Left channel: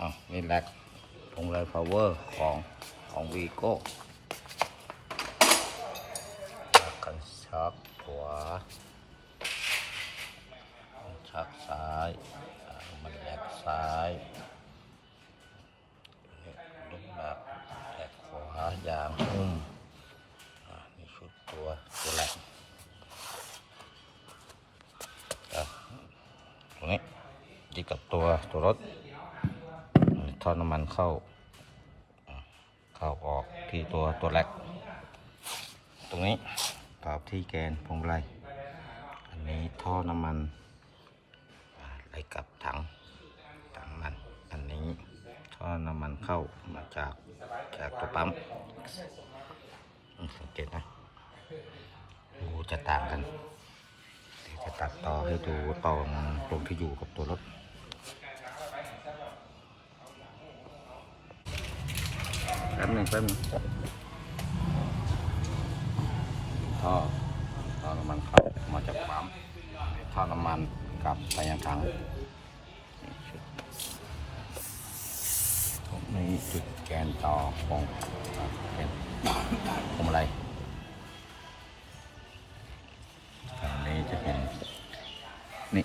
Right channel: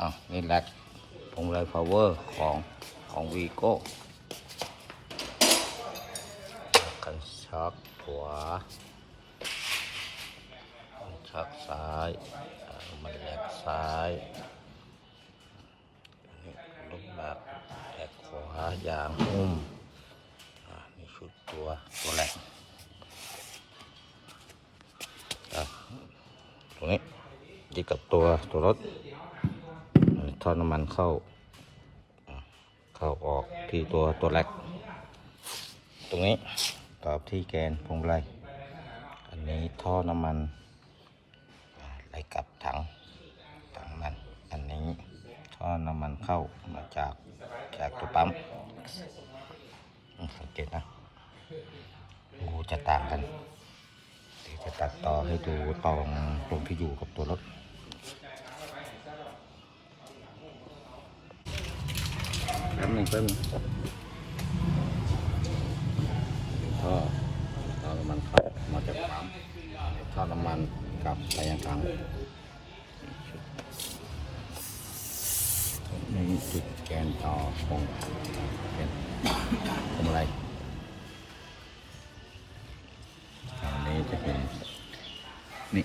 อะนี่แหละพวงไรพาวเวอร์ของของวีโก้กันชักขวาชักซ้ายมันแหลกซ้ายลูกแหลกแหลกขวายางหุ้มมีชุดตัวตัวแหลกอะตรงนี้ยึดกับตัวตัวรถ ท่อน้ำมันเข้า เข้าออกที่ตัวตัวแรกตรงนี้กับที่แกนพวงมาลัยอันนี้ท่อน้ำมันไหลกลับถังถังมันอันนี้ท่อน้ำมันเข้ามาจากจากตัวปั๊มสังเกตนะงูจะต่างกันจะตัดต่อให้ดูว่าตอนตรงที่อยู่กับตัว ป๊บหนึ่งแป๊บหนึงท่อท่อน้ำมันเข้ามาจากปั๊มท่อน้ำมันกลับไปยังถังนี่คือแกนต่อของเป็นพวงมาลัยอันนี้จะเป็นนี่